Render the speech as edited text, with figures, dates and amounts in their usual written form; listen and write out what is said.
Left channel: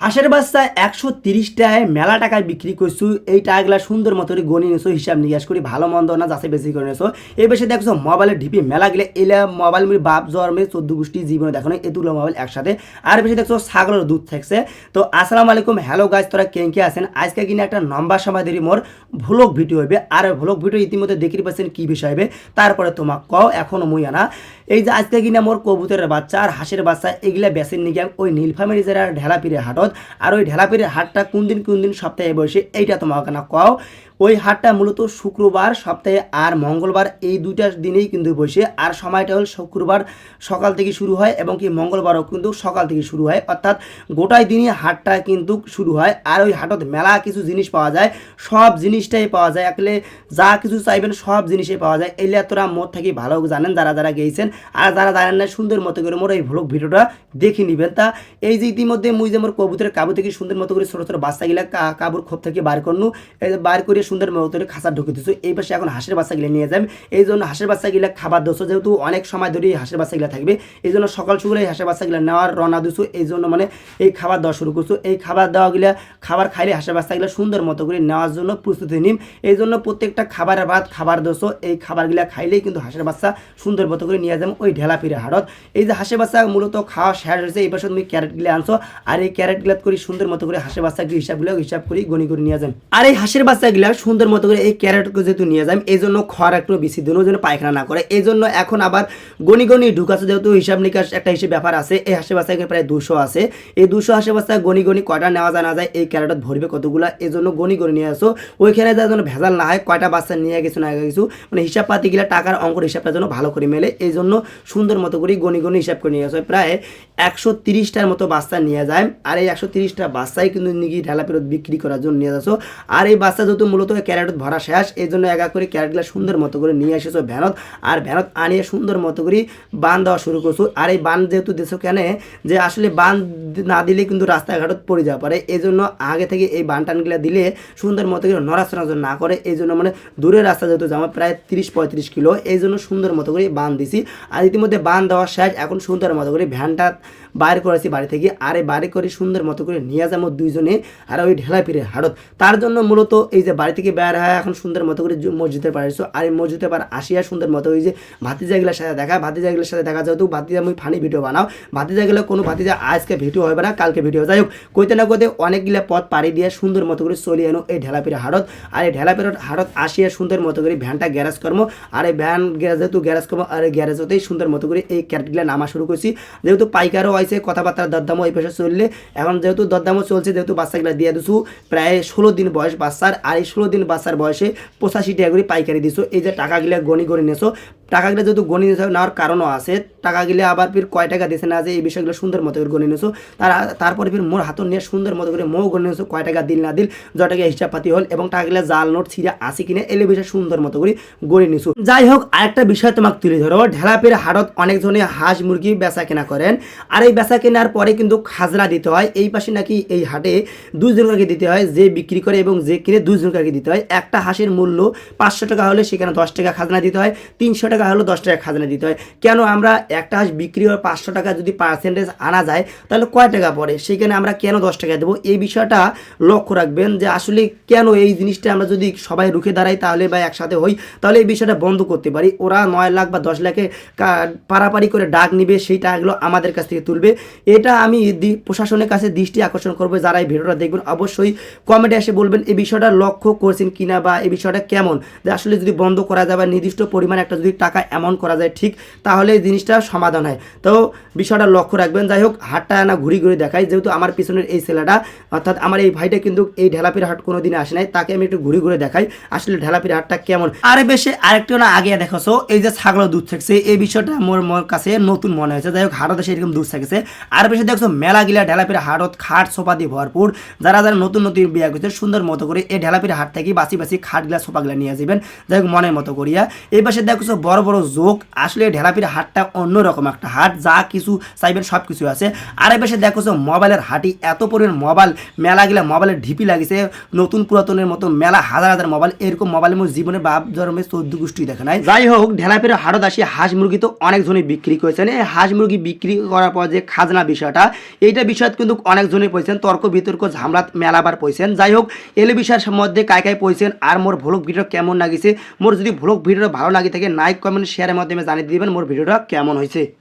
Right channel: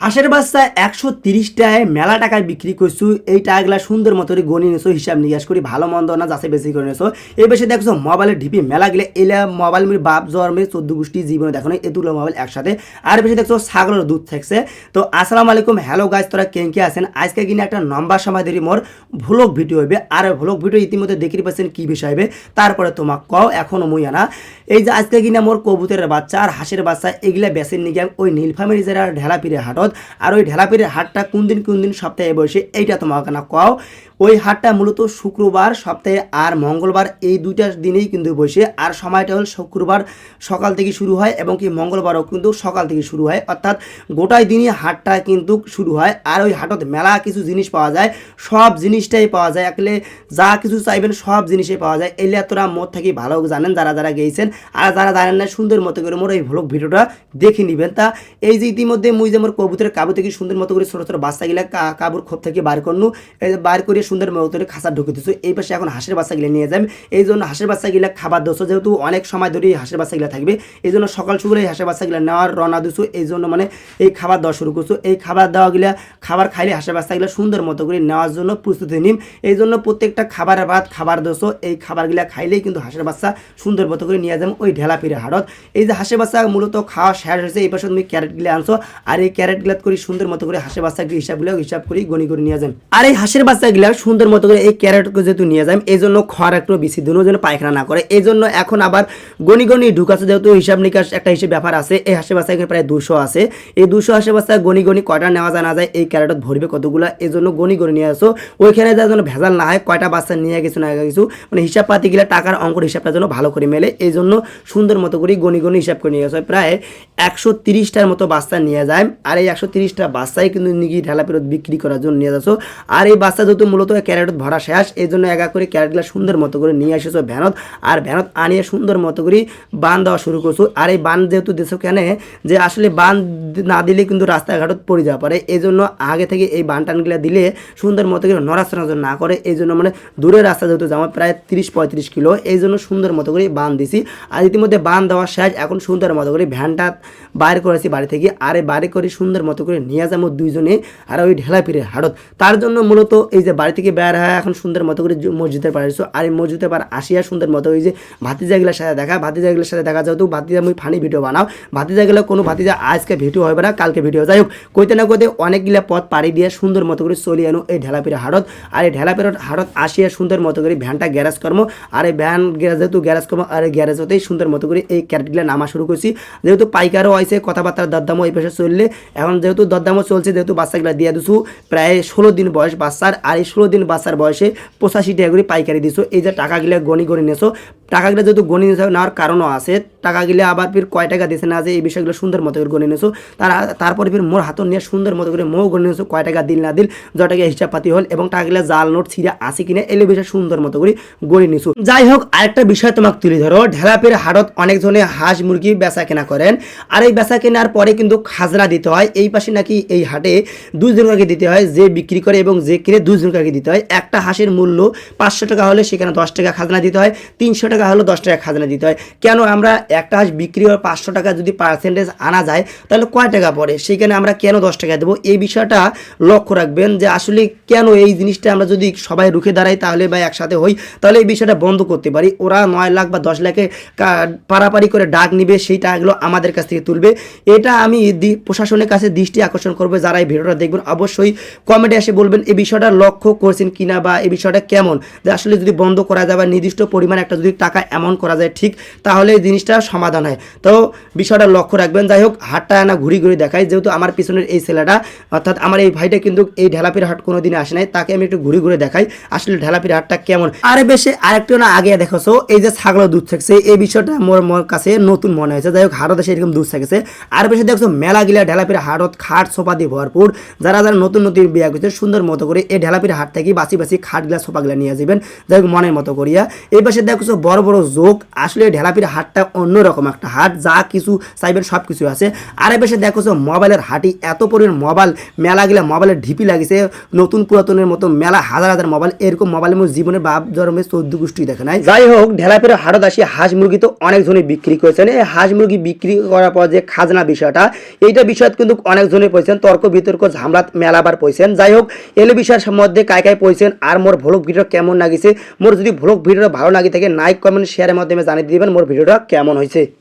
হাঁসের বাচ্চা ১৩০ টাকায় মেলা টাকায় বিক্রি করছু। এই টাকাগুলা সুন্দর মতো করে গণি নিছো, হিসাব নিকাশ করি ভালো মন্দ না যাচাই বেশি করে নিছো। এই বেশি দেখছো মোবাইলের ঢিপি মেলা গেলে এলে মোবাইল মিলে বাপ জন্মে ১৪ গোষ্ঠী জীবনে দেখো না এতগুলো মোবাইল একসাথে। আর বেশি দেখছো ছাগলের দুধ থাকছে। তো আসসালামু আলাইকুম, হ্যালো গাইস, তোরা কে আছেন? আজকে কিনা একটা লম্বা সময় ধরে মোর ভ্লগ ভিডিও হবে। আর ভ্লগ ভিডিও ইতিমধ্যে দেখি পাচ্ছেন কি বিষয় হবে, তারপরে তোমাক কও এখনো মুই আনা। এই যে আজকে কিনা মোর কবুতরের বাচ্চা আর হাঁসের বাচ্চা এগুলা বেচেন নিয়ে ওই নীলফামারী জেলার ঢেলাপিরে হাটত। আর ওই ঢেলাপিরের হাটটা কোন দিন সপ্তাহে বসে এইটা তোমাকে না কও। ওই হাটটা মূলত শুক্রবার সপ্তাহে আর মঙ্গলবার এই দুইটা দিনেই কিন্তু বসে। আর সময়টা হল শুক্রবার সকাল থেকে শুরু হয় এবং কি মঙ্গলবারও কিন্তু সকাল থেকে শুরু হয়, অর্থাৎ গোটাই দিনই হাটটা কিন্তু শুরু হয়। আর ওই হাটত মেলা কিছু জিনিস পাওয়া যায়, সব জিনিসটাই পাওয়া যায়, একলে যা কিছু চাইবেন সব জিনিসই পাওয়া যায়। এলিয়া তোরা মোট থাকি ভালো জানেন যারা যারা গেছেন, আর যারা জানেন না সুন্দর মতো করে মোর এই ভ্লগ ভিডিওটা দেখে নেবেন। তা এই যে ইতিমধ্যে মুই যে মোর কবুতরের কাবু থেকে সুন্দর মতো করে ছোটো ছোটো বাচ্চাগুলা কাবুর খোপ থেকে বার করনু, এই যে বার করে সুন্দর মতো করে খাঁচা ঢুকে দিচ্ছ। এই পাশে এখন হাঁসের বাচ্চাগুলো নিয়ে যাবেন। এই জন্য হাঁসের বাচ্চাগুলা খাবার দিচ্ছ, যেহেতু অনেক সময় ধরে হাঁসের বাচ্চাগুলা থাকবে, এই জন্য সকাল সকালে এই হাঁসের বাচ্চাগুলা নেওয়ার রওনা দিচ্ছ। এই জন্য মানে এই খাবার দেওয়া শুরু করছো। এই খাবার দেওয়াগুলা খাবার খাইলে হাঁসের বাচ্চাগুলা সুন্দর মতো করে নেওয়ার জন্য প্রস্তুতি নিন। এই জন্য প্রত্যেকটা খাবারের বাদ খাবার দিচ্ছ। এই খাবারগুলা খাইলেই কিন্তু হাঁসের বাচ্চা সুন্দর মতো করে নিয়ে যাবেন ওই ঢেলাপিরে হাটত। এই যে হাঁসের বাচ্চা মূলত খাওয়া শেষ হয়েছে, এই পাশে তুমি ক্যারেটগুলো আনছো। আর এই ক্যারেটগুলো করে সুন্দর মতো করে হাঁসের বাচ্চাকে হিসাব করি গণি করে নিয়ে যান। আর এই হাঁসের বাচ্চাগুলা সুন্দর মতো করে এই ক্যারেটকে যেহেতু নিয়ে যান, এই জন্য খড় একটু বেশি দিনও যেন পায়খানা না করে, এই জন্য এখন আবার গণি ঢুকাচ্ছে। যেহেতু হিসাব নিকাশ একটা হিসেবে ব্যাপার আছে, এই হাঁসের বাচ্চা এখানে প্রায় 200 আছে। এই 200 হাঁসের বাচ্চা গণি কয়টা নেওয়া যায় না যায়, এই ক্যারেটত ভরবে কতগুলা, এই জন্য গণি নিয়ে আসো। ওইখানে যার জন্য ভেজাল না হয়, কয়টা বাচ্চা নিয়ে গেছো না গেছো, মানে হিসাব পাতি গেলে টাকার অঙ্কর হিসাবটা যেন ভালো করে মেলে, এই জন্য সুন্দর মতো করে গণি হিসাব করে নিয়ে আসো। প্রায় 130টার মতো বাচ্চা নিয়ে যায়। আর এই 130টা বাচ্চাই কিন্তু নিকি ঢালা ফেরত বিক্রি করার জন্য নিয়ে যাচ্ছ। আর এই বাচ্চা যেহেতু মূলত ক্যারেটত ভরা শেষ, এই জন্য একা করে ক্যারেটগুলো সুন্দর মতো করে নিয়ে এসেছো ভ্যানত। আর ভ্যানত আনিয়ে সুন্দর মতো করে বান দেওয়া শুরু করছো। আর এই বান যেহেতু দিছো কেন, যে আসলে বান না দিলে কিন্তু রাস্তাঘাটত পড়ে যাওয়া পারে, এই জন্য আগে থেকে এই বান টানগুলো দিলে সুন্দর মতো করে নড়াচড়া না করে, এই জন্য মানে দূরের রাস্তা যেহেতু যাওয়া প্রায় 30-35 কিলো, এই জন্য সুন্দর মতো করে বান দিছি। আর ইতিমধ্যে বান দেওয়া শেষ, এখন সুন্দর মতো করে ভ্যানটা বাইর করেছি বাড়ি থেকে। আর এই বাড়ি করে সুন্দর মতো করে নিয়ে যাবো দুইজনে আর ওই ঢেলাপিরে হাটত। তার জন্য মূলত এই যে বাড়ি থেকে বের হয় এখন সুন্দর মতো করে মসজিদের পাড়ে আসছো। আর এই মসজিদের পাড়ে আসিয়া সুন্দর মতো ওই যে ভাতিজাগুলোর সাথে ভাতিজাগুলোর সাথে দেখা, যেহেতু ভাতিজা আমি ফানি ভিডিও বানাও, ভাতিজাগুলো কোনো ভাতিজা আজকে ভিডিও হবে না, কালকে ভিডিও। যাই হোক কইতে না কইতে অনেকগুলা পথ পাড়ি দিয়ে সুন্দর মতো করে চলে আনো এই ঢেলাপিরে হাটত। আর এই ঢেলাপিরে হাটত আসিয়া সুন্দর মতো করে ভ্যানটা গ্যারেজ করবো। আর এই ভ্যান যেহেতু গ্যারেজ করবো, আর এই গ্যারেজ হতেই সুন্দর মতো করে এই ক্যারেটগুলো নামা শুরু করছি। যেহেতু পাইকারও হয়েছে, কথাবার্তার দরদামও এই পাশে চললে, এখন যেহেতু দরদামও চলছে, যেহেতু বাচ্চাগুলো দিয়ে দিচ্ছু প্রায় 16 দিন বয়স বাচ্চার। আর এই 16 দিন বাচ্চার বয়সে 85 টাকা করে পাইকারি দিছো। এই যে টাকাগুলো গণি নিয়েছো, টাকাগুলো যেহেতু গণি নেওয়ার কারণও আছে, টাকাগুলো আবার ফির কয় টাকা দিছে না যে এই বিষয়গুলো সুন্দর মতো করে গণি নিয়েছো। তারপরে ফির মোর হাতন নিয়ে সুন্দর মতো করে মৌ গণি নিয়েছো, কয় টাকা দিল না দিল, যত টাকা হিসাব পাতি হল এবং টাকাগুলো জাল নোট ছিঁড়ে আসি কিনে এলে বিষয় সুন্দর মতো করে গণি নিয়েছো। যাই হোক আরেকটা বিষয় তোমাকে তুলে ধরো, ঢেলাপির হাটত অনেক জনে হাঁস মুরগি বেচা কেনা করেন। আর এই বেচা কেনার পরে কিন্তু খাজনা দিতে হয়। এই পাশে নাকি এই হাটে 2 জনকে দিতে হয়, যে বিক্রি করে এবং যে কিনে 2 জনকে দিতে হয়। একটা হাঁসের মূল্য 500 টাকা হলে সেখানে 10 টাকা খাজনা দিতে হয়, 300 টাকা হলে 10 টাকা খাজনা দিতে হয়। কেন আমরা একটা হাঁস বিক্রি হয় 500 টাকা যদি পার্সেন্টেজ আনা যায় তাহলে কয় টাকা পড়ে, সেখানে আমরা কেন 10 টাকা দেবো? এই বিষয়টা লক্ষ্য রাখবেন যে আসলে কেন এই জিনিসটা আমরা যদি সবাই রুখে দাঁড়াই তাহলে বা একসাথে হই তাহলে এই বিষয়টা বন্ধ করতে পারি। ওরা 9 লাখ বা 10 লাখে পারাপারি করে ডাক নিবে, সেই টাকাগুলো আমাদের কাছ থেকে তুলবে। এটা আমি প্রশাসনের কাছে দৃষ্টি আকর্ষণ করবো। যারা এই ভিডিওটা দেখবেন অবশ্যই কমেন্টে এসে বলবেন এই বিষয়টা লক্ষ্য করছেন কিনা বা এই বিষয়টা কেমন, যে আসলে যদি বন্ধ করা যায় বা নির্দিষ্ট পরিমাণ একটা যদি টাকা অ্যামাউন্ট করা যায় ঠিক, তাহলে এই জিনিসটা সমাধান হয়। তো বিষয়টা লক্ষ্য রাখবেন। যাই হোক হাটটা না ঘুরি দেখাই, যেহেতু আমার পিছনের এই ছেলেটা অর্থাৎ আমার এই ভাইটা কিন্তু এই ঢেলাপির হাট কোনোদিন আসে নাই, তাকে আমি একটু ঘুরি দেখাই আসলে ঢেলাপির হাটটা কেমন। আরে বেশি আরেকটু না আগে দেখছো এই যে ছাগলের দুধ থাকছে, এই বিষয়টা মোর কাছে নতুন মনে হয়েছে। যাই হোক হাটতে সেরকম দুধ থাকছে। আর বেশি দেখছো মেলা গিলা ঢেলাপির হাটত খাট সোফা দিয়ে ভরপুর। যারা নতুন বিয়া করছে সুন্দর মতো করে এই ঢেলাপির হাট থেকে বাসি খাটগুলা সোফাগুলা নিয়ে যাবেন, যাই হোক মনের মতো করিয়া। এই পাশে দেখছো বড় বড় যোগ। আসলে ঢেলাপির হাটটা অন্যরকম একটা হাট, যা কিছু চাইবেন সব কিছু আছে। আর এই পাশে দেখো যে মোবাইলের হাটি, এত পরিমাণ মোবাইল, মেলা গেলে মোবাইলের ঢিপি লাগিছে, নতুন পুরাতনের মতো মেলা, হাজার হাজার মোবাইল। এরকম মোবাইল মোর জীবনে বাপ জন্মে 14 গোষ্ঠী দেখে নাই। যাই হোক, ঢেলাপির হাটত আসি হাঁস মুরগি তো অনেকজনই বিক্রি করেছেন। এই হাঁস মুরগি বিক্রি করার পর যে খাজনা বিষয়টা, এইটা বিষয়ত কিন্তু অনেকজনই পয়সেন, তর্ক বিতর্ক ঝামলাত মেলাবার পয়সেন। যাই হোক, এলে বিষয়ের মধ্যে কায় কায় পয়সেন আর মোর ভ্লগ ভিডিও কেমন লাগিছে, মোর যদি ভ্লগ ভিডিওটা ভালো লাগি থাকে লাইক কমেন্ট শেয়ারের মাধ্যমে জানিয়ে দিবেন মোর ভিডিওটা কেমন হয়েছে।